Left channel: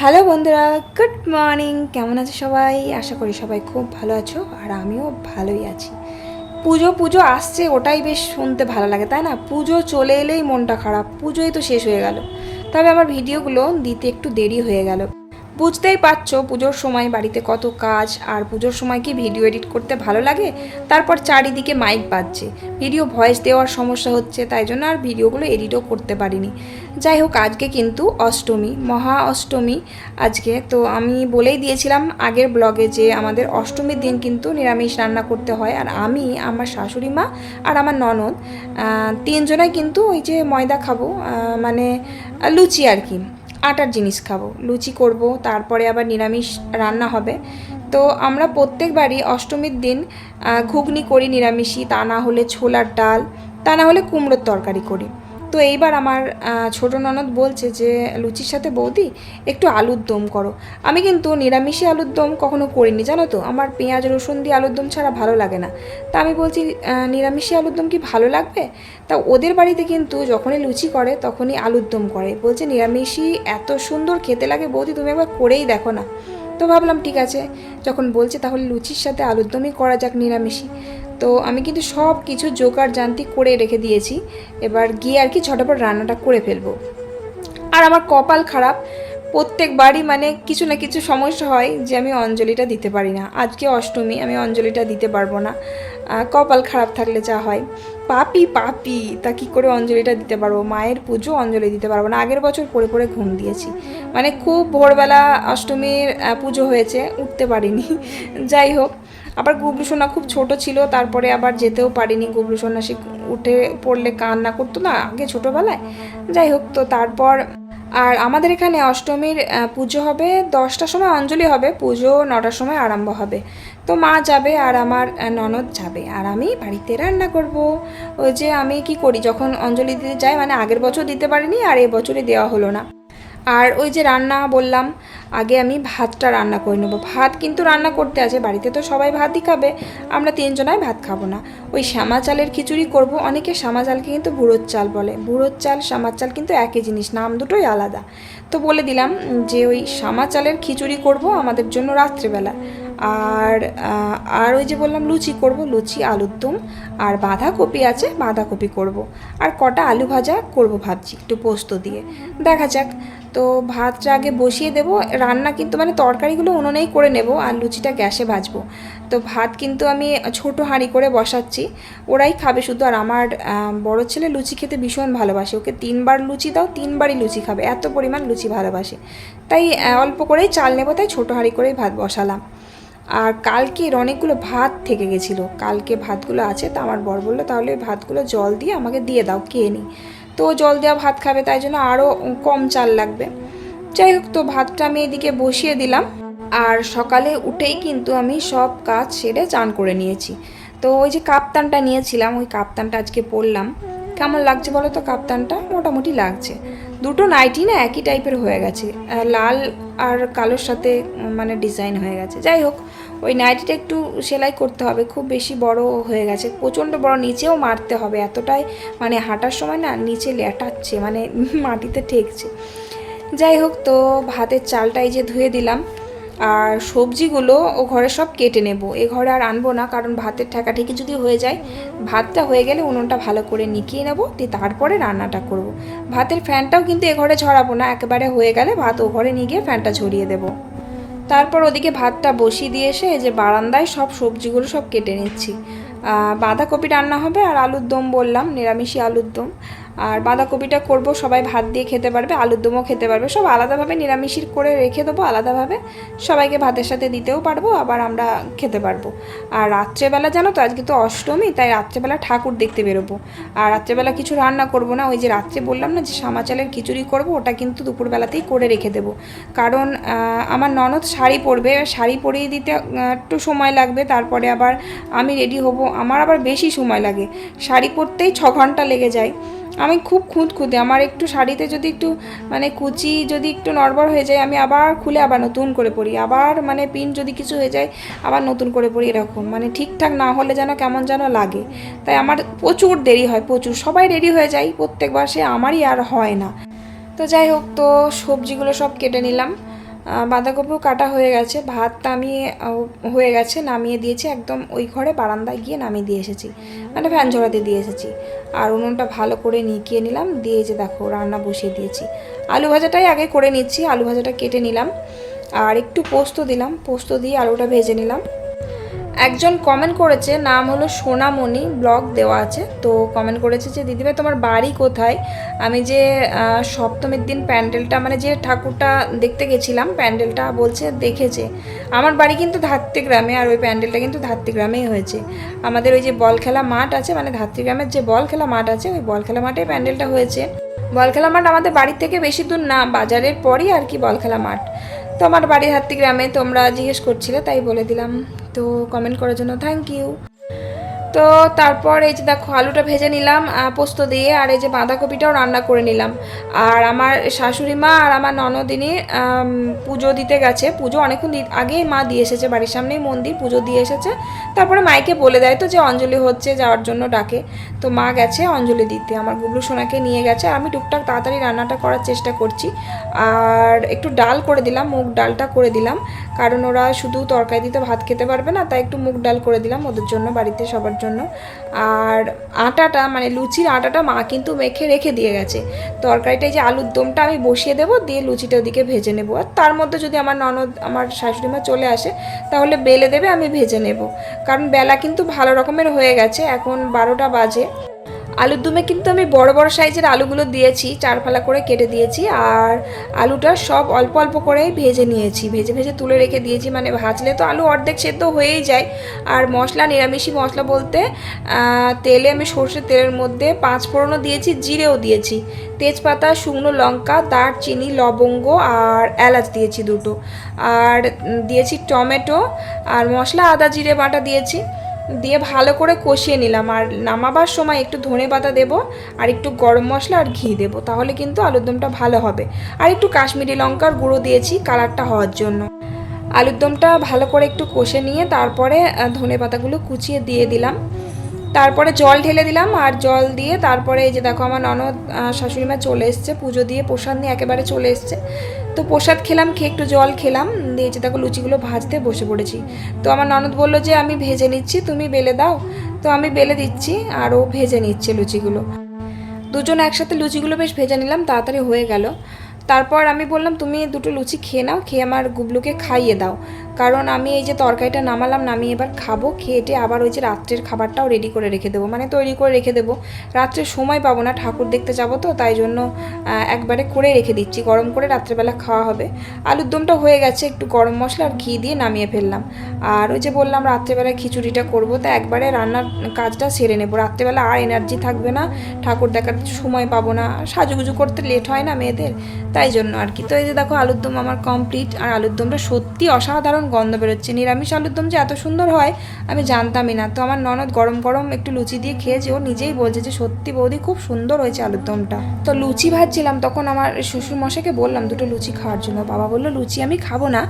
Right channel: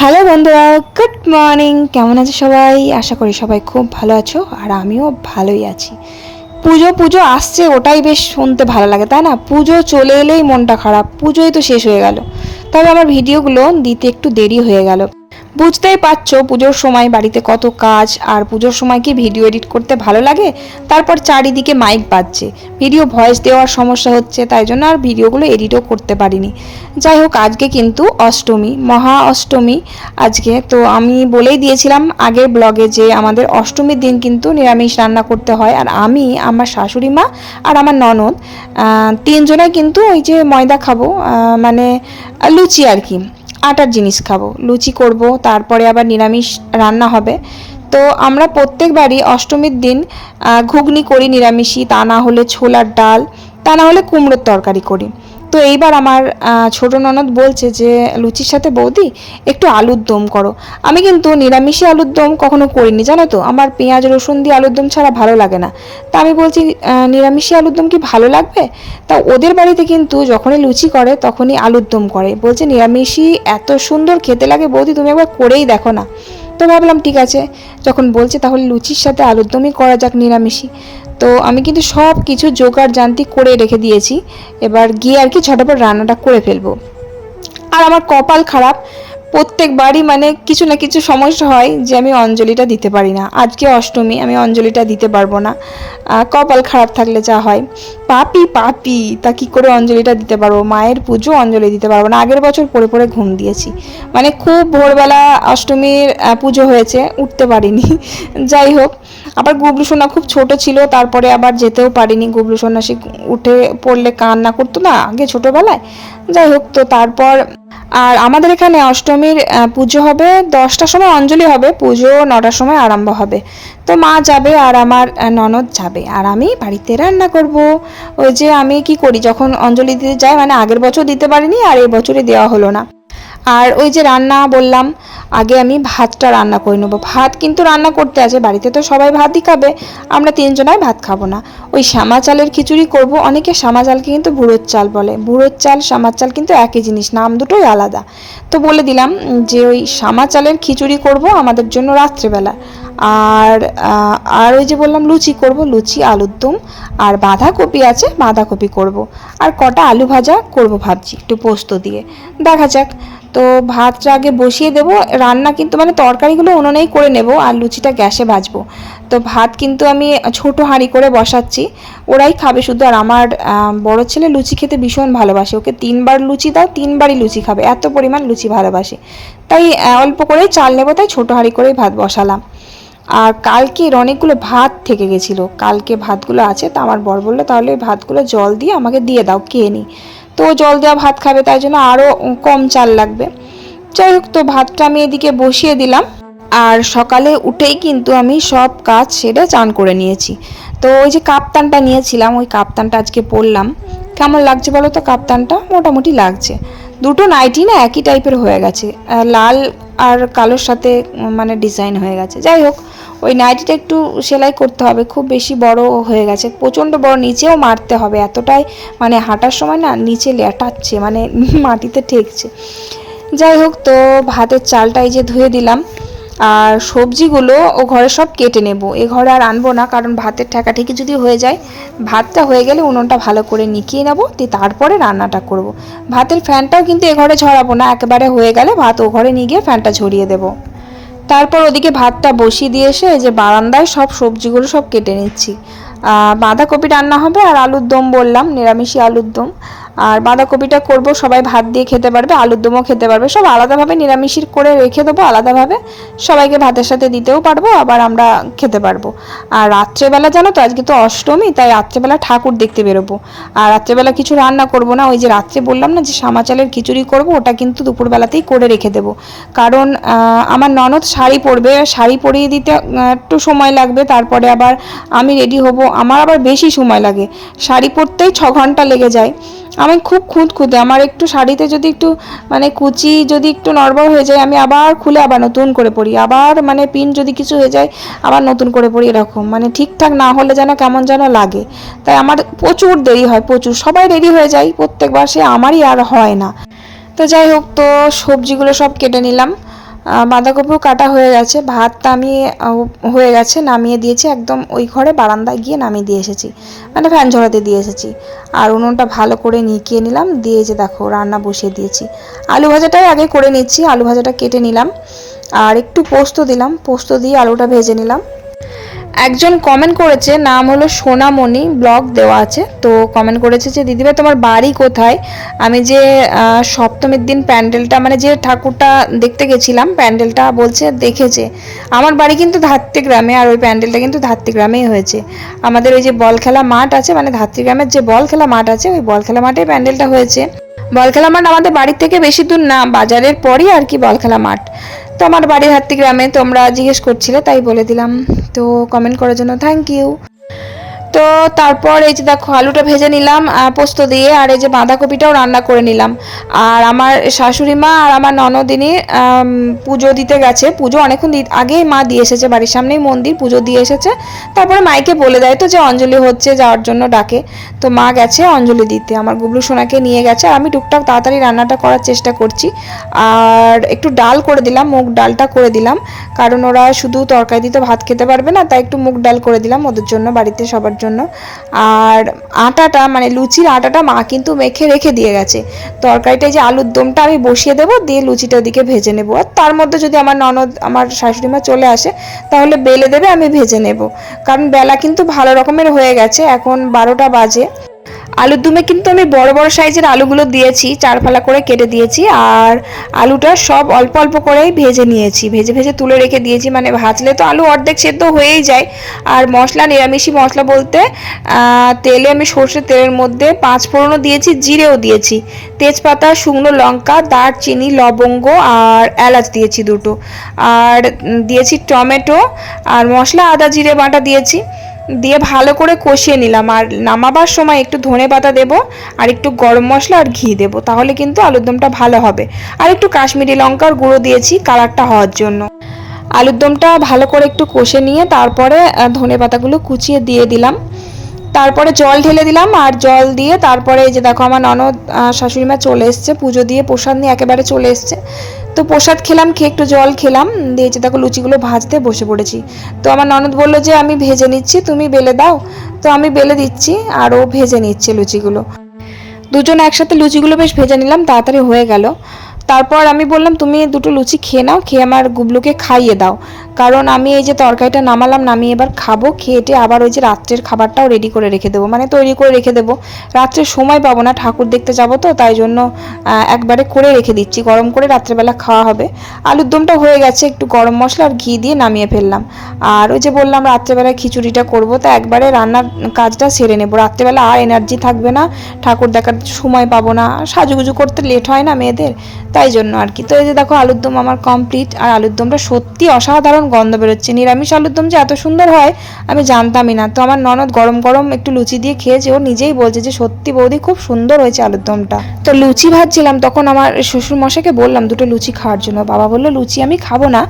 Hello বন্ধুরা, good morning. কেমন আছে সবাই? আশা করি সবাই খুব ভালো আছো আর আমিও ভালোই আছি। পুজো পুজো আসছে, ওটাই বেশ শুনতে ভালো লাগে, তাই না? পুজো চলে এলেই মনটা খারাপ, পুজোই তো শেষ হয়ে গেল। তবে আমার ভিডিওগুলো দিতে একটু দেরি হয়ে গেল। বুঝতেই পারছ পুজোর সময় বাড়িতে কত কাজ, আর পুজোর সময় কি ভিডিও এডিট করতে ভালো লাগে? তারপর চারিদিকে মাইক বাজছে। ভিডিও ভয়েস দেওয়ার সমস্যা হচ্ছে, তাই জন্য আর ভিডিওগুলো এডিটও করতে পারিনি। যাই হোক, আজকে কিন্তু অষ্টমী, মহা অষ্টমী আজকে। তো আমি বলেই দিয়েছিলাম আগের ব্লগে যে আমাদের অষ্টমীর দিন কিন্তু নিরামিষ রান্না করতে হয়, আর আমি, আমার শাশুড়ি মা আর আমার ননদ তিনজনে কিন্তু ওই যে ময়দা খাব মানে লুচি আর কি। আটার জিনিস খাব, লুচি করব, তারপরে আবার নিরামিষ রান্না হবে। তো আমরা প্রত্যেকবারই অষ্টমীর দিন ঘুগনি করি নিরামিষই, তা না হলে ছোলার ডাল, তা না হলে কুমড়োর তরকারি করি। তো এইবার আমার ছোট ননদ বলছে যে লুচির সাথে বৌদি একটু আলুর দম করো। আমি কিন্তু নিরামিষই আলুর দম কখনো করিনি জানো তো? আমার পেঁয়াজ রসুন দিয়ে আলুর দম ছাড়া ভালো লাগে না। তা আমি বলছি আহ, নিরামিষই আলুর দম কি ভালো লাগবে? তা ওদের বাড়িতে কিন্তু যখনই লুচি করে তখনই আলুর দম করে। বলছে নিরামিষই এত সুন্দর খেতে লাগে বৌদি তুমি একবার করেই দেখো না। তো ভাবলাম ঠিক আছে। যখন বলছে তাহলে লুচির সাথে আলুর দমই করা যাক নিরামিষই। তো আমি কিন্তু সব কিছু জোগাড় জান্তি করে রেখে দিয়েছি। এবার গিয়ে আর কি ঝটাপট রান্নাটা করে ফেলব। আর আমার কপাল খারাপ। প্রত্যেকবারই মানে কিছু না কিছু সমস্যা হয় যে আমি অঞ্জলিটা দিতে পারি না। আজকে অষ্টমী, আমি অঞ্জলিটা দিতে পারব না। কপাল খারাপ থাকলে যা হয়। পাপি পাপি, তা কি করে অঞ্জলিটা দিতে পারব? মায়ের পুজো অঞ্জলি দিতে পারব না। আগের বছর পরে পরে ঘুম দিয়েছি। মানে খুব ভোরবেলা অষ্টমীর পুজো হয়েছে, উঠতে পারিনি। যাই হোক আবার গুবলু সোনা খুব ছোট ছিল, তারপরে আবার যেতেও পারিনি। গুবলু সোনা সে উঠে পড়লে কান্না করতো না, আগে ছোটবেলায়। যাই হোক, তো তারপর, আর আমাদের এখানে অষ্টমীর পুজো হবে দশটার সময়, অঞ্জলি হবে, পুজো নটার সময় আরম্ভ হবে। তো মা যাবে আর আমার ননদ যাবে। আর আমি বাড়িতে রান্না করব। ওই যে আমি কি করি, যখন অঞ্জলি দিতে যাই মানে আগের বছর দিতে পারিনি, আর এই বছরে দেওয়া হলো না। আর ওই যে রান্না বললাম আগে আমি ভাতটা রান্না করে নেব। ভাত কিন্তু রান্না করতে আছে, বাড়িতে তো সবাই ভাতই খাবে, আমরা তিনজনাই ভাত খাব না। ওই শ্যামা চালের খিচুড়ি করব, অনেকে শ্যামা চালকে কিন্তু বুড়োর চাল বলে। বুড়োর চাল, শ্যামার চাল কিন্তু একই জিনিস, নাম দুটোই আলাদা। তো বলে দিলাম যে ওই শ্যামা চালের খিচুড়ি করব আমাদের জন্য রাত্রেবেলা। আর আর ওই যে বললাম লুচি করব, লুচি, আলুর দম, আর বাঁধাকপি আছে, বাঁধাকপি করব। আর কটা আলু ভাজা করব ভাবছি, একটু পোস্ত দিয়ে। দেখা যাক তো ভাতটা আগে বসিয়ে দেবো। রান্না কিন্তু মানে তরকারিগুলো উনুনেই করে নেব আর লুচিটা গ্যাসে ভাজবো। তো ভাত কিন্তু আমি ছোট হাঁড়ি করে বসাচ্ছি। ওরাই খাবে শুধু আর আমার বড় ছেলে লুচি খেতে ভীষণ ভালোবাসে। ওকে তিনবার লুচি দাও, তিনবারই লুচি খাবে। এত পরিমাণ লুচি ভালোবাসে। তাই অল্প করেই চাল নেব, তাই ছোটো হাঁড়ি করেই ভাত বসালাম। আর কালকের অনেকগুলো ভাত থেকে গেছিল। কালকে ভাতগুলো আছে, তা আমার বর বলল, তাহলে ভাতগুলো জল দিয়ে আমাকে দিয়ে দাও, খেয়ে নিই তো জল দেওয়া ভাত খাবে, তাই জন্য আরও কম চাল লাগবে। যাই হোক, তো ভাতটা আমি এদিকে বসিয়ে দিলাম। আর সকালে উঠেই কিন্তু আমি সব কাজ সেরে চান করে নিয়েছি। তো ওই যে কাপ্তানটা নিয়েছিলাম, ওই কাপ্তানটা আজকে পরলাম। কেমন লাগছে বলো তো কাপ্তানটা? মোটামুটি লাগছে। দুটো নাইটি না একই টাইপের হয়ে গেছে। লাল আর কালোর সাথে মানে ডিজাইন হয়ে গেছে। যাই হোক ওই নাইটিটা একটু সেলাই করতে হবে, খুব বেশি বড় হয়ে গেছে। প্রচণ্ড বড়, নিচেও মারতে হবে। এতটাই মানে হাঁটার সময় না নিচে লেটাচ্ছে মানে মাটিতে ঠেকছে। যাই হোক, তো ভাতের চালটা এই যে ধুয়ে দিলাম। আর সবজিগুলো ও ঘরে সব কেটে নেব। এ ঘরে আর আনব না, কারণ ভাতের ঠেকাঠেকি যদি হয়ে যায়, ভাতটা হয়ে গেলে উনুনটা ভালো করে নিকিয়ে নেব, দিয়ে তারপরে রান্নাটা করব। ভাতের ফ্যানটাও কিন্তু এ ঘরে ঝরাবো না, একেবারে হয়ে গেলে ভাত ও ঘরে নিয়ে গিয়ে ফ্যানটা ঝরিয়ে দেবো। তারপর ওদিকে ভাতটা বসিয়ে দিয়ে এসে যে বারান্দায় সব সবজিগুলো সব কেটে নিচ্ছি। বাঁধাকপি রান্না হবে আর আলুর দম বললাম নিরামিষি আলুর দম। আর বাঁধাকপিটা করব, সবাই ভাত দিয়ে খেতে পারবে, আলুর দমও খেতে পারবে। সব আলাদাভাবে নিরামিষির করে রেখে দেবো আলাদাভাবে। সবাইকে ভাতের সাথে দিতেও পারব, আবার আমরা খেতে পারব। আর রাত্রেবেলা জানো তো, আজকে তো অষ্টমী, তাই রাত্রেবেলা ঠাকুর দেখতে বেরোবো। আর রাত্রেবেলা কিছু রান্না করব না, ওই যে রাত্রে বললাম না যে সামা চালের খিচুড়ি করব, ওটা কিন্তু দুপুরবেলাতেই করে রেখে দেবো। কারণ আমার ননদ শাড়ি পরবে, শাড়ি পরিয়ে দিতে একটু সময় লাগবে, তারপরে আবার আমি রেডি হব। আমার আবার বেশি সময় লাগে, শাড়ি পরতেই ছ ঘণ্টা লেগে যায়। আমি খুব খুঁত খুঁতে আমার একটু শাড়িতে যদি একটু মানে কুচি যদি একটু নড়বড় হয়ে যায়, আমি আবার খুলে আবার নতুন করে পরি। আবার মানে পিন যদি কিছু হয়ে যায়, আবার নতুন করে পরি এরকম। মানে ঠিকঠাক না হলে যেন কেমন যেন লাগে। তাই আমার প্রচুর দেরি হয়, প্রচুর। সবাই রেডি হয়ে যায়, প্রত্যেকবার সে আমারই আর হয় না। তো যাই হোক, তো সবজিগুলো সব কেটে নিলাম। বাঁধাকপিও কাটা হয়ে গেছে। ভাতটা আমি হয়ে গেছে, নামিয়ে দিয়েছি। একদম ওই ঘরে বারান্দায় গিয়ে নামিয়ে দিয়ে এসেছি। মানে ফ্যান ঝরাতে দিয়ে এসেছি। আর উনুনটা ভালো করে নিকিয়ে নিলাম। দিয়ে যে দেখো, রান্না বসিয়ে দিয়েছি। আলু ভাজাটাই আগে করে নিচ্ছি। আলু ভাজাটা কেটে নিলাম। আর একটু পোস্ত দিলাম। পোস্ত দিয়ে আলুটা ভেজে নিলাম। একজন কমেন্ট করেছে, নাম হলো সোনামণি ব্লগ দেওয়া আছে। তো কমেন্ট করেছে যে, দিদিভাই, তোমার বাড়ি কোথায়? আমি যে সপ্তমীর দিন প্যান্ডেলটা মানে যে ঠাকুরটা দেখতে গেছিলাম, প্যান্ডেলটা বলছে দেখেছে। আমার বাড়ি কিন্তু ধাত্রী গ্রামে, আর ওই প্যান্ডেলটা কিন্তু ধাত্রী গ্রামেই হয়েছে। আমাদের ওই যে বল খেলা মাঠ আছে মানে ধাত্রী গ্রামের যে বল খেলা মাঠ আছে, ওই বল খেলা মাঠে প্যান্ডেলটা হয়েছে। বল খেলা মাঠ আমাদের বাড়ির থেকে বেশি দূর না, বাজারের পরই আর কি বল খেলা মাঠ। তো আমার বাড়ির হাত্তি গ্রামে তোমরা জিজ্ঞেস করছিলে, তাই বলে দিলাম। তো কমেন্ট করার জন্য থ্যাংক ইউ তো তারপর এই যে দেখো, আলুটা ভেজে নিলাম পোস্ত দিয়ে, আর এই যে বাঁধাকপিটাও রান্না করে নিলাম। আর আমার শাশুড়ি মা আর আমার ননদিনী পুজো দিতে গেছে। পুজো অনেকক্ষণ আগেই মা দিয়ে এসেছে বাড়ির সামনেই, মন্দির, পুজো দিয়ে এসেছে। তারপরে মাইকে বলে দেয় তো যে অঞ্জলি হচ্ছে যাওয়ার জন্য ডাকে। তো মা গেছে অঞ্জলি দিতে। আমার গুবলু সোনাকে নিয়ে গেছে, আর আমি টুকটাক তাড়াতাড়ি রান্নাটা করার চেষ্টা করছি। আর একটু ডাল করে দিলাম, মুগ ডালটা করে দিলাম। কারণ ওরা শুধু তরকারি দিতে ভাত খেতে পারবে না, তাই একটু মুগ ডাল করে দিলাম। ওদের জন্য বাড়িতে সবার জন্য আর আটাটা মানে লুচির আটাটা মা কিন্তু মেখে রেখে দিয়ে গেছে। তরকারিটা যে আলুর দমটা আমি বসিয়ে দেবো, দিয়ে লুচিটা ওদিকে ভেজে নেব। আর তার মধ্যে যদি আমার ননদ, আমার শাশুড়ি মা চলে আসে, তাহলে বেলে দেবে, আমি ভেজে নেব। কারণ বেলা কিন্তু ভালো রকমের হয়ে গেছে, এখন বারোটা বাজে। আলুর দমে কিন্তু আমি বড় বড় সাইজের আলুগুলো দিয়েছি চার ফালা করে কেটে দিয়েছি আর আলুটা সব অল্প অল্প করেই ভেজে নিয়েছি। ভেজে ভেজে তুলে রেখে দিয়েছি মানে ভাজলে তো আলু অর্ধেক সেদ্ধ হয়েই যায়। আর মশলা নিরামিষি মশলা বলতে তেলে আমি সর্ষের তেলের মধ্যে পাঁচ ফোড়নও দিয়েছি, জিরেও দিয়েছি। তেজপাতা, শুকনো লঙ্কা, দারচিনি, লবঙ্গ আর এলাচ দিয়েছি দুটো। আর দিয়েছি টমেটো আর মশলা আদা, জিরে বাটা দিয়েছি। দিয়ে ভালো করে কষিয়ে নিলাম। আর নামাবার সময় একটু ধনে পাতা দেবো, আর একটু গরম মশলা আর ঘি দেবো, তাহলে কিন্তু আলুর দমটা ভালো হবে। আর একটু কাশ্মীরি লঙ্কার গুঁড়ো দিয়েছি কালারটা হওয়ার জন্য। আলুর দমটা ভালো করে একটু কষে নিয়ে তারপরে ধনে পাতাগুলো কুচিয়ে দিয়ে দিলাম। তারপরে জল ঢেলে দিলাম, আর জল দিয়ে তারপরে এই যে দেখো আমার ননদ শাশুড়ি মা চলে এসছে, পুজো দিয়ে প্রসাদ নিয়ে একেবারে চলে এসছে। তো প্রসাদ খেলাম, খেয়ে একটু জল খেলাম দিয়েছি দেখো লুচিগুলো ভাজতে বসে পড়েছি। তো আমার ননদ বলল যে, আমি ভেজে নিচ্ছি, তুমি বেলে দাও। তো আমি বেলে দিচ্ছি, আর ও ভেজে নিচ্ছে লুচিগুলো। দুজন একসাথে লুচিগুলো বেশ ভেজে নিলাম, তাড়াতাড়ি হয়ে গেল। তারপর আমি বললাম, তুমি দুটো লুচি খেয়ে নাও, খেয়ে আমার গুবলুকে খাইয়ে দাও। কারণ আমি এই যে তরকারিটা নামালাম, নামিয়ে এবার খাব খেয়ে টেয়ে আবার ওই যে রাত্রের খাবারটাও রেডি করে রেখে দেবো। মানে তৈরি করে রেখে দেবো। রাত্রে সময় পাবো না, ঠাকুর দেখতে যাব তো, তাই জন্য একবারে করে রেখে দিচ্ছি। গরম করে রাত্রেবেলা খাওয়া হবে। আলুর দমটা হয়ে গেছে, একটু গরম মশলা আর ঘি দিয়ে নামিয়ে ফেললাম। আর ওই যে বললাম রাত্রেবেলা খিচুড়িটা করব, তা একবারে রান্নার কাজটা সেরে নেব। রাত্রেবেলা আর এনার্জি থাকবে না, ঠাকুর দেখার সময় পাবো না। সাজুগুজু করতে লেট হয় না মেয়েদের, তাই জন্য আর কি। তো এই যে দেখো, আলুর দম আমার কমপ্লিট আর আলুর দমটা সত্যি অসাধারণ গন্ধ বেরোচ্ছে। নিরামিষ আলুর দম যে এত সুন্দর হয়, আমি জানতামই না। তো আমার ননদ গরম গরম একটু লুচি দিয়ে খেয়েছে ও নিজেই বলছে যে, সত্যি বৌদি, খুব সুন্দর হয়েছে আলুর দমটা। তো লুচি ভাজছিলাম, তখন আমার শ্বশুর মশাকে বললাম, দুটো লুচি খাওয়ার জন্য। বাবা বলল, লুচি আমি খাব না।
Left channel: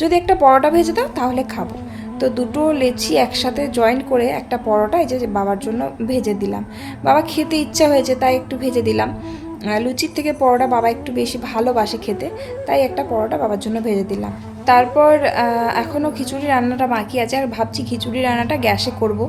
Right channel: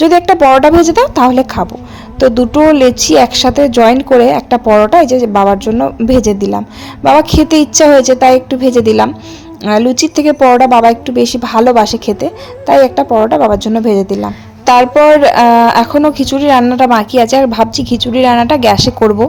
যদি একটা পরোটা ভেজে দাও, তাহলে খাব। তো দুটো লেচি একসাথে জয়েন করে একটা পরোটা এই যে বাবার জন্য ভেজে দিলাম। বাবা খেতে ইচ্ছা হয়েছে, তাই একটু ভেজে দিলাম। লুচির থেকে পরোটা বাবা একটু বেশি ভালোবাসে খেতে, তাই একটা পরোটা বাবার জন্য ভেজে দিলাম। তারপর এখনও খিচুড়ি রান্নাটা বাকি আছে, আর ভাবছি খিচুড়ি রান্নাটা গ্যাসে করব।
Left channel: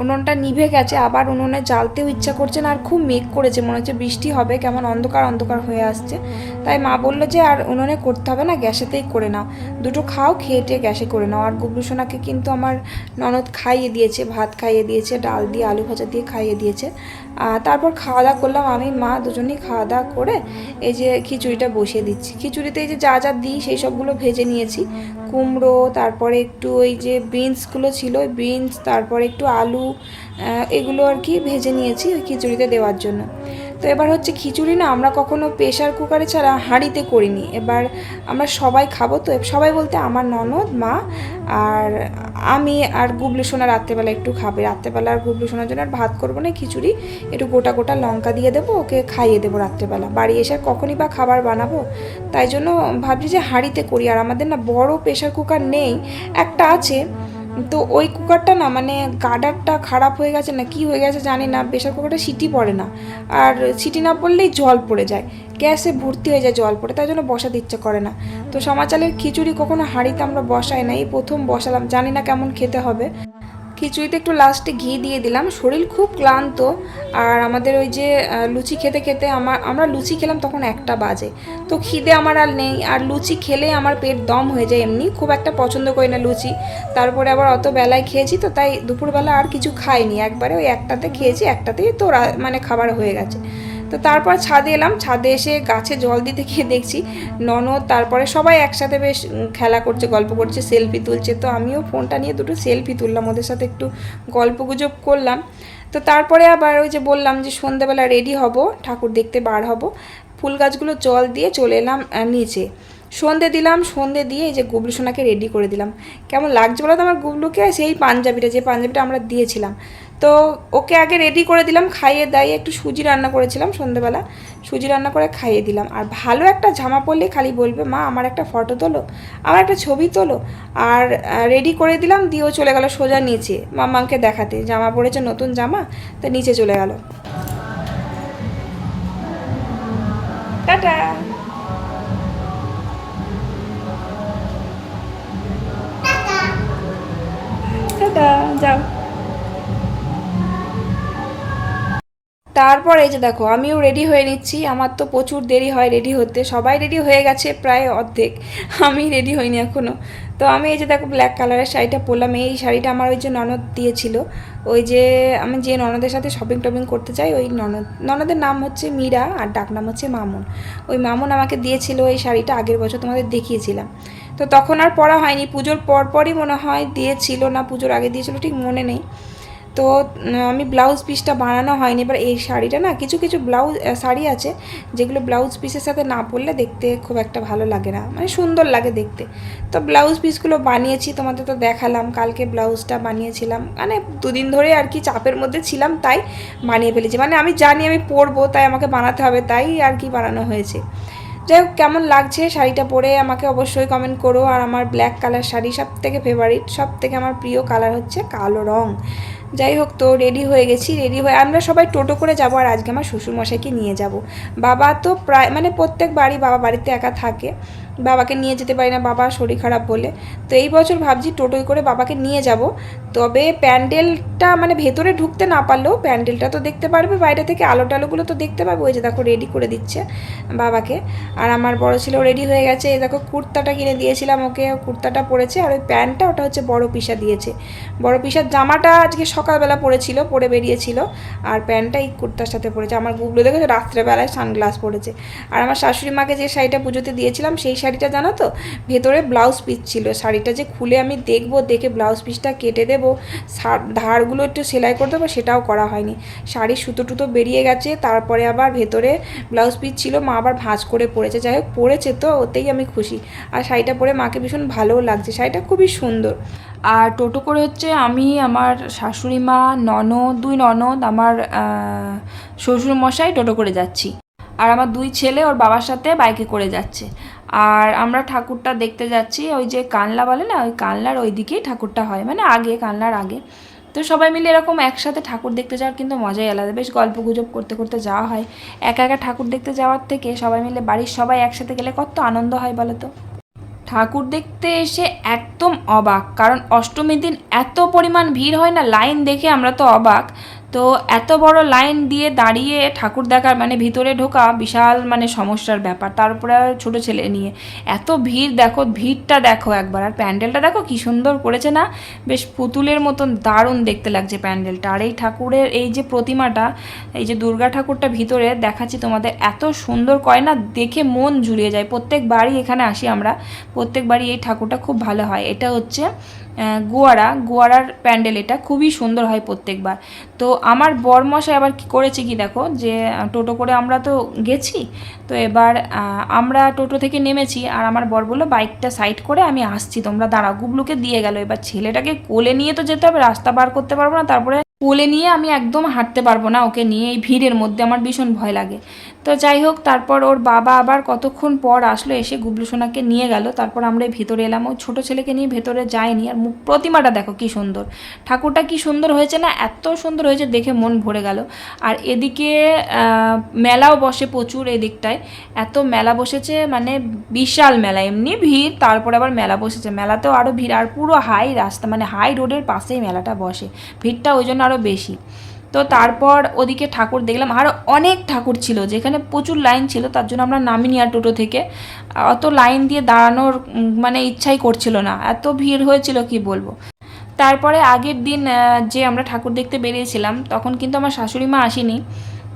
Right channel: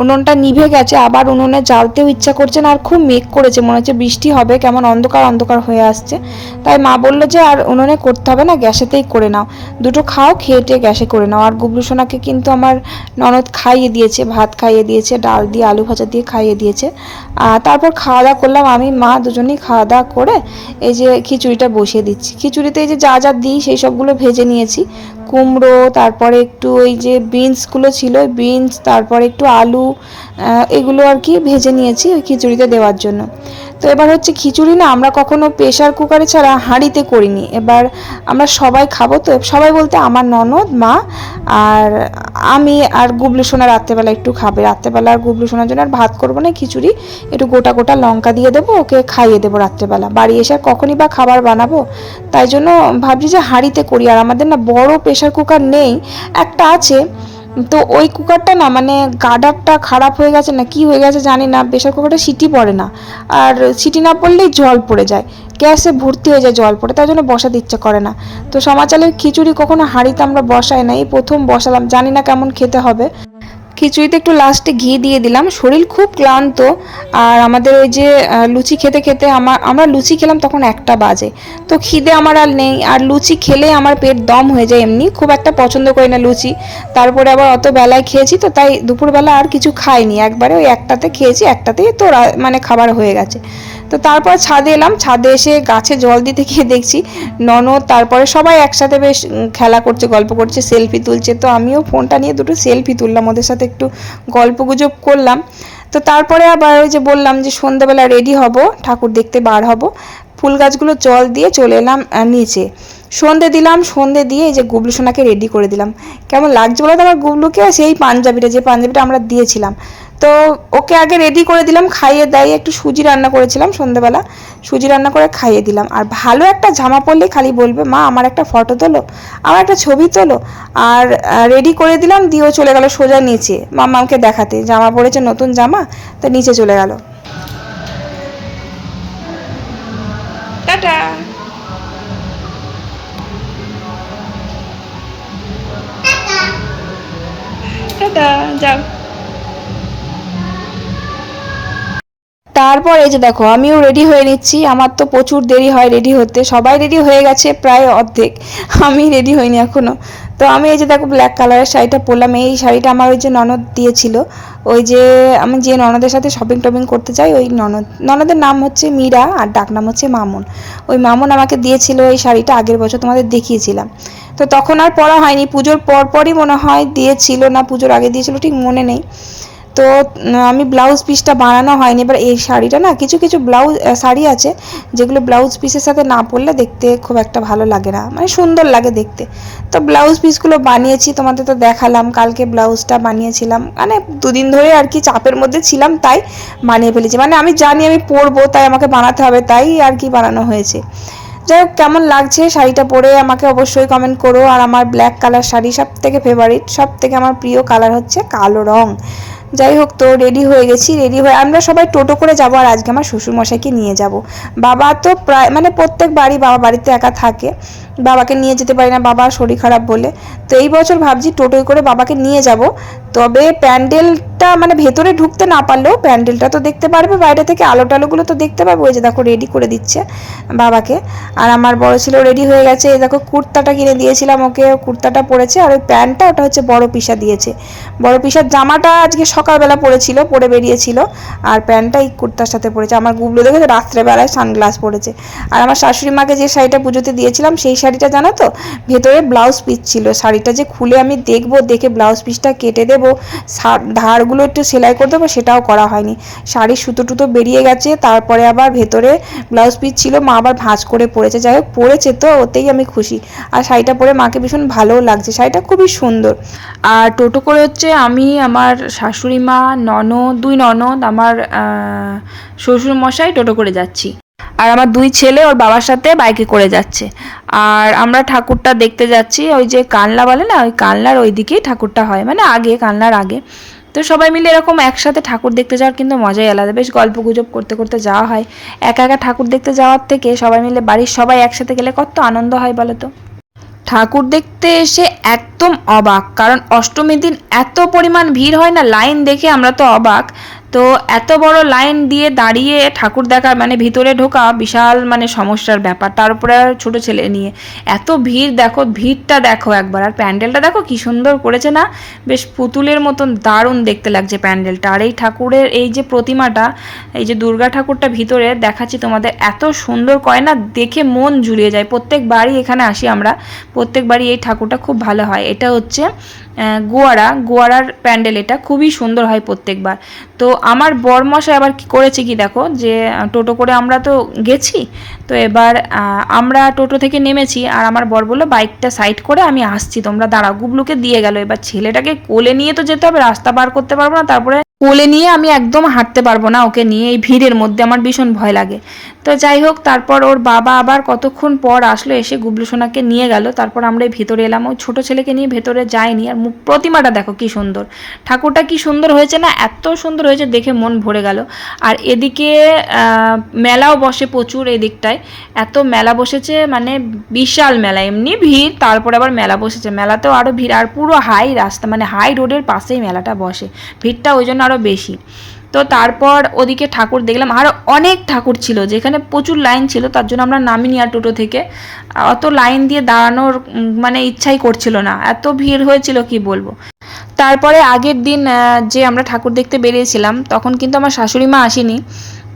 উনুনটা নিভে গেছে, আবার উনুনে জ্বালতেও ইচ্ছা করছে না, আর খুব মেঘ করেছে, মনে হচ্ছে বৃষ্টি হবে, কেমন অন্ধকার অন্ধকার হয়ে আসছে। তাই মা বলল যে, আর উনুনে করতে হবে না, গ্যাসেতেই করে নাও। দুটো খাও, খেয়ে টেয়ে গ্যাসে করে নাও। আর গুবলু সোনাকে কিন্তু আমার ননদ খাইয়ে দিয়েছে, ভাত খাইয়ে দিয়েছে, ডাল দিয়ে, আলু ভাজা দিয়ে খাইয়ে দিয়েছে। তারপর খাওয়া দাওয়া করলাম। আমি, মা দুজনেই খাওয়া দাওয়া করে এই যে খিচুড়িটা বসিয়ে দিচ্ছি। খিচুড়িতে এই যে যা যা দিই সেই সবগুলো ভেজে নিয়েছি। কুমড়ো, তারপরে একটু ওই যে বিনসগুলো ছিল, বিনস, তারপরে একটু আলু এগুলো আর কি ভেজে নিয়েছি ওই খিচুড়িতে দেওয়ার জন্য। তো এবার হচ্ছে খিচুড়ি না আমরা কখনো প্রেশার কুকারে ছাড়া হাঁড়িতে করিনি। এবার আমরা সবাই খাব তো, সবাই বলতে আমার ননদ, মা আর আমি আর গুবলু সোনা রাত্রেবেলা একটু খাবে। রাত্রেবেলা আর গুবলু সোনার জন্য আর ভাত করব না, খিচুড়ি। একটু গোটা গোটা লঙ্কা দিয়ে দেবো, ওকে খাইয়ে দেবো রাত্রেবেলা। বাড়ি এসে আর কখনই বা খাবার বানাবো, তাই জন্য ভাবছি যে হাঁড়িতে করি। আর আমাদের না বড় প্রেশার কুকার নেই, একটা আছে। তো ওই কুকারটা না মানে গার্ডারটা খারাপ হয়ে গেছে না, কি হয়ে গেছে জানি না প্রেশার কুকারটা সিটি পড়ে না। আর সিটি না পড়লেই জল পড়ে যায়, গ্যাসে ভর্তি হয়ে যায় জল পড়ে, তার জন্য বসাতে ইচ্ছে করে না। তো সমাচালের খিচুড়ি কখনো হাঁড়িতে আমরা বসাই না, এই প্রথম বসালাম, জানি না কেমন খেতে হবে। খিচুড়িতে একটু লাস্টে ঘি দিয়ে দিলাম। শরীর খুব ক্লান্ত। আর আমাদের ওই যে লুচি খেতে খেতে আমার, আমরা লুচি খেলাম তখন একটা বাজে। তো খিদে আমার আর নেই। আর লুচি খেলে আমার পেট দম হয়ে যায় এমনি। খুব একটা পছন্দ করি না লুচি। তারপরে আবার অত বেলায় খেয়েছি তো তাই দুপুরবেলা আর কিছু খাইনি। একবারে ওই একটাতে খেয়েছি, একটাতেই তো মানে খাবার হয়ে গেছে। তো তারপর ছাদে এলাম, ছাদে এসে গাছে জল দিতে গিয়ে দেখছি ননদ, তারপরে সবাই একসাথে বেশ খেলা করছে, গল্প করছে সেলফি তুলছে। তো আমিও ফোনটা নিয়ে দুটো সেলফি তুললাম, ওদের সাথে একটু গল্প গুজব করলাম। তো তারপরে আবার ওই যে বললাম যে সন্ধ্যাবেলা রেডি হব, ঠাকুর দেখতে বার হব। ফুল গাছগুলো জল দিয়ে চলে এলাম নিচে। সন্ধে দিলাম, সন্ধে দিয়ে এই যে গুবলু সোনাকে রেডি করে দিলাম। কেমন লাগছে বলো তো আমার গুবলুকে? সেই পাঞ্জাবিটা, যে পাঞ্জাবিটা আমরা দিয়েছিলাম। তো ওকে আগে রেডি করে দিলাম, খাইয়ে দাইয়ে একটু সুজি রান্না করেছিলাম সন্ধ্যেবেলা সুজি রান্না করে খাইয়ে দিলাম। আর ভালো একটা জামা পরলে খালি বলবে, মা, আমার একটা ফটো তোলো, আমার একটা ছবি তোলো। আর রেডি করে দিলাম দিয়েও চলে গেল সোজা নিচে, মামাকে দেখাতে। জামা পরেছে নতুন জামা, তো নিচে চলে গেল। টাটা। টাটা, যাও। তারপর যে দেখো, আমিও রেডি হয়ে নিচ্ছি। আমার তো প্রচুর দেরি হয় রেডি হতে। সবাই রেডি হয়ে গেছে প্রায় অর্ধেক। আমি রেডি হইনি এখনও। তো আমি এই যে দেখো ব্ল্যাক কালারের শাড়িটা পরলাম। এই শাড়িটা আমার ওই যে ননদ দিয়েছিল। ওই যে আমি যে ননদের সাথে শপিং টপিং করতে যাই, ওই ননদ, ননদের নাম হচ্ছে মীরা আর ডাক নাম হচ্ছে মামুন। ওই মামুন আমাকে দিয়েছিল এই শাড়িটা আগের বছর তোমাদের দেখিয়েছিলাম। তো তখন আর পরা হয়নি। পুজোর পরপরই মনে হয় দিয়েছিল না, পুজোর আগে দিয়েছিল, ঠিক মনে নেই। তো আমি ব্লাউজ পিসটা বানানো হয়নি। এবার এই শাড়িটা না, কিছু কিছু ব্লাউজ শাড়ি আছে, যেগুলো ব্লাউজ পিসের সাথে না পরলে দেখতে খুব একটা ভালো লাগে না। মানে সুন্দর লাগে দেখতে। তো ব্লাউজ পিসগুলো বানিয়েছি, তোমাদের তো দেখালাম, কালকে ব্লাউজটা বানিয়েছিলাম। মানে দুদিন ধরে আর কি চাপের মধ্যে ছিলাম, তাই বানিয়ে ফেলেছি। মানে আমি জানি আমি পরবো, তাই আমাকে বানাতে হবে, তাই আর কি বানানো হয়েছে। যাই হোক, কেমন লাগছে শাড়িটা পরে আমাকে অবশ্যই কমেন্ট করো। আর আমার ব্ল্যাক কালার শাড়ি সব থেকে ফেভারিট সব থেকে আমার প্রিয় কালার হচ্ছে কালো রং। যাই হোক তো রেডি হয়ে গেছি রেডি হয়ে আমরা সবাই টোটো করে যাব আর আজকে আমার শ্বশুরমশাইকে নিয়ে যাব। বাবা তো প্রায় মানে প্রত্যেক বাড়ি বাবা বাড়িতে একা থাকে। বাবাকে নিয়ে যেতে পারি না বাবা শরীর খারাপ বলে। তো এই বছর ভাবছি টোটোয় করে বাবাকে নিয়ে যাব। তবে প্যান্ডেলটা মানে ভেতরে ঢুকতে না পারলেও প্যান্ডেলটা তো দেখতে পারবে, বাইরে থেকে আলো টালোগুলো তো দেখতে পারবে ওই যে দেখো রেডি করে দিচ্ছে বাবাকে। আর আমার বড় ছিল রেডি হয়ে গেছে। এই দেখো, কুর্তাটা কিনে দিয়েছিলাম ওকে। কুর্তাটা পরেছে আর ওই প্যান্টটা, ওটা হচ্ছে বড় পিসা দিয়েছে। বড় পিসার জামাটা আজকে সকালবেলা পরেছিল, পরে বেরিয়েছিল। আর প্যান্টটা এই কুর্তার সাথে পরেছে। আমার গুবলো দেখে রাত্রেবেলায় সানগ্লাস পরেছে। আর আমার শাশুড়ি মাকে যে শাড়িটা পুজোতে দিয়েছিলাম, সেই শাড়িটা জানো তো? ভেতরে ব্লাউজ পিস ছিল। শাড়িটা যে খুলে আমি দেখব, দেখে ব্লাউজ পিসটা কেটে দেবো ধারগুলো একটু সেলাই করে দেবো, সেটাও করা হয়নি। শাড়ির সুতো টুতো বেরিয়ে গেছে, তারপরে আবার ভেতরে ব্লাউজ পিস ছিল, মা আবার ভাঁজ করে পরেছে। যাই হোক, পরেছে তো, ওতেই আমি খুশি। আর শাড়িটা পরে মাকে ভীষণ ভালোও লাগছে। শাড়িটা খুবই সুন্দর। আর টোটো করে হচ্ছে আমি, আমার শাশুড়ি মা, ননদ, দুই ননদ, আমার শ্বশুর মশাই টোটো করে যাচ্ছি। আর আমার দুই ছেলে ওর বাবার সাথে বাইকে করে যাচ্ছে। আর আমরা ঠাকুরটা দেখতে যাচ্ছি, ওই যে কানলা বলে না, ওই কানলার ওই দিকেই ঠাকুরটা হয় মানে আগে, কানলার আগে। তো সবাই মিলে এরকম একসাথে ঠাকুর দেখতে যাওয়ার কিন্তু মজাই আলাদা। বেশ গল্প গুজব করতে করতে যাওয়া হয়। একা একা ঠাকুর দেখতে যাওয়ার থেকে সবাই মিলে বাড়ির সবাই একসাথে গেলে কত আনন্দ হয় বলো তো? ঠাকুর দেখতে এসে একদম অবাক, কারণ অষ্টমীর দিন এত পরিমাণ ভিড় হয় না, লাইন দেখে আমরা তো অবাক। তো এত বড় লাইন দিয়ে দাঁড়িয়ে ঠাকুর দেখার মানে ভিতরে ঢোকা বিশাল মানে সমস্যার ব্যাপার। তারপরে ছোট ছেলে নিয়ে। এত ভিড় দেখো, ভিড়টা দেখো একবার। আর প্যান্ডেলটা দেখো কি সুন্দর করেছে না? বেশ পুতুলের মতন দারুণ দেখতে লাগছে প্যান্ডেলটা। আর এই ঠাকুরের এই যে প্রতিমাটা, এই যে দুর্গা ঠাকুরটা ভিতরে দেখাচ্ছি তোমাদের, এত সুন্দর করে না দেখে মন জুড়িয়ে যায়। প্রত্যেকবারই এখানে আসি আমরা। প্রত্যেকবারই এই ঠাকুরটা খুব ভালো হয়। এটা হচ্ছে গোয়ারা, গোয়ারার প্যান্ডেল এটা, খুবই সুন্দর হয় প্রত্যেকবার। তো আমার বরমশাই আবার কি করেছে কি দেখো, যে টোটো করে আমরা তো গেছি, তো এবার আমরা টোটো থেকে নেমেছি, আর আমার বর বলল, বাইকটা সাইড করে আমি আসছি, তোমরা দাঁড়াও। গুবলুকে দিয়ে গেল। এবার ছেলেটাকে কোলে নিয়ে তো যেতে হবে, রাস্তা পার করতে পারব না, তারপরে কোলে নিয়ে আমি একদম হাঁটতে পারব না ওকে নিয়ে, এই ভিড়ের মধ্যে আমার ভীষণ ভয় লাগে। তো যাই হোক, তারপর ওর বাবা আবার কতক্ষণ পর আসলো, এসে গুবলু সোনাকে নিয়ে গেল। তারপর আমরা ভেতরে এলাম। ওই ছোটো ছেলেকে নিয়ে ভেতরে যায়নি আর মুখ প্রতিমাটা দেখো কি সুন্দর। ঠাকুরটা কি সুন্দর হয়েছে না, এত সুন্দর হয়েছে দেখে মন ভরে গেল। আর এদিকে মেলাও বসে প্রচুর এদিকটায়। এত মেলা বসেছে মানে বিশাল মেলা, এমনি ভিড়। তারপর আবার মেলা বসেছে। মেলাতেও আরও ভিড়। আর পুরো হাই রাস্তা মানে হাই রোডের পাশেই মেলাটা বসে। ভিড়টা ওই জন্য আরও বেশি। তো তারপর ওদিকে ঠাকুর দেখলাম আরও অনেক ঠাকুর ছিল, যেখানে প্রচুর লাইন ছিল, তার জন্য আমরা নামিনি আর টোটো থেকে। অত লাইন দিয়ে দাঁড়ানোর মানে ইচ্ছাই করছিল না, এত ভিড় হয়েছিল কি বলব। তারপরে আগের দিন যে আমরা ঠাকুর দেখতে বেরিয়েছিলাম, তখন কিন্তু আমার শাশুড়ি মা আসেনি।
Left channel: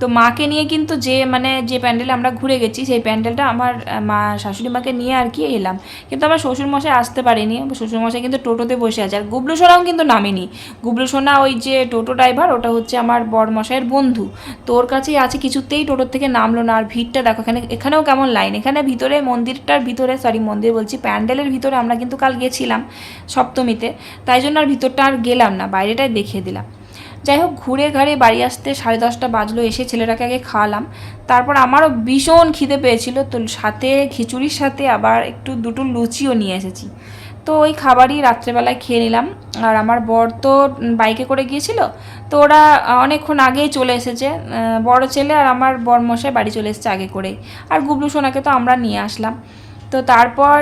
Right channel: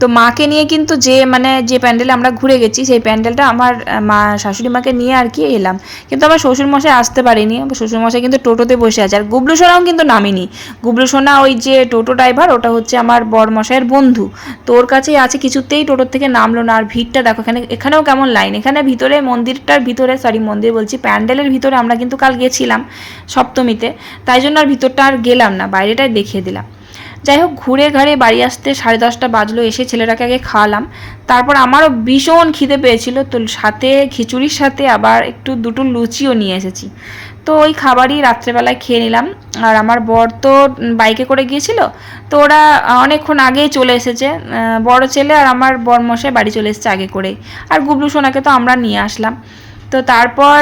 তো মাকে নিয়ে কিন্তু যে মানে যে প্যান্ডেলে আমরা ঘুরে গেছি, সেই প্যান্ডেলটা আমার মা, শাশুড়ি মাকে নিয়ে আর কি এলাম। কিন্তু আমার শ্বশুরমশাই আসতে পারিনি। শ্বশুরমশাই কিন্তু টোটোতে বসে আছে। আর গুবলু সোনাও কিন্তু নামিনি। গুবলু সোনা ওই যে টোটো ড্রাইভার, ওটা হচ্ছে আমার বরমশাইয়ের বন্ধু। তো ওর কাছেই আছে, কিছুতেই টোটোর থেকে নামলো না। আর ভিড়টা দেখো, এখানে, এখানেও কেমন লাইন এখানে ভিতরে মন্দিরটার ভিতরে সরি মন্দির বলছি, প্যান্ডেলের ভিতরে আমরা কিন্তু কাল গেছিলাম সপ্তমীতে। তাই জন্য আর ভিতরটা আর গেলাম না। বাইরেটাই দেখিয়ে দিলাম। যাই হোক ঘুরে ঘাড়ে বাড়ি আসতে সাড়ে দশটা বাজলো, এসে ছেলেটাকে আগে খাওয়ালাম। তারপর আমারও ভীষণ খিদে পেয়েছিল, তো সাথে খিচুড়ির সাথে আবার একটু দুটো লুচিও নিয়ে এসেছি। তো ওই খাবারই রাত্রেবেলায় খেয়ে নিলাম। আর আমার বর তো বাইকে করে গিয়েছিল, তো ওরা অনেকক্ষণ আগেই চলে এসেছে। বড় ছেলে আর আমার বরমশাই বাড়ি চলে এসেছে আগে করেই। আর গুবলু সোনাকে তো আমরা নিয়ে আসলাম। তো তারপর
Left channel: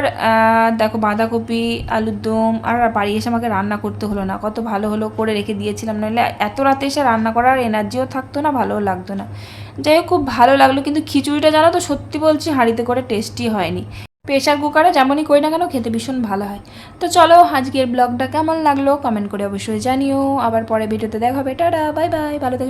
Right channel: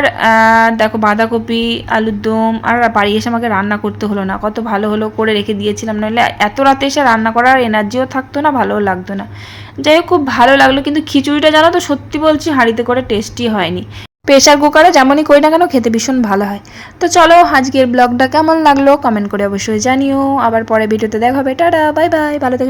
দেখো বাঁধাকপি, আলুর দম, আর বাড়ি এসে আমাকে রান্না করতে হলো না। কত ভালো হলো করে রেখে দিয়েছিলাম, নইলে এত রাতে এসে রান্না করার এনার্জিও থাকতো না, ভালোও লাগতো না। যাই হোক, খুব ভালো লাগল, কিন্তু খিচুড়িটা জানো তো, সত্যি বলছি হাঁড়িতে করে টেস্টি হয়নি। প্রেশার কুকারে যেমনই করি না কেন, খেতে ভীষণ ভালো হয়। তো চলো, আজকের ব্লগটা কেমন লাগল কমেন্ট করে অবশ্যই জানিও। আবার পরে ভিডিওতে দেখা হবে। টাটা বাই বাই ভালো থেকে।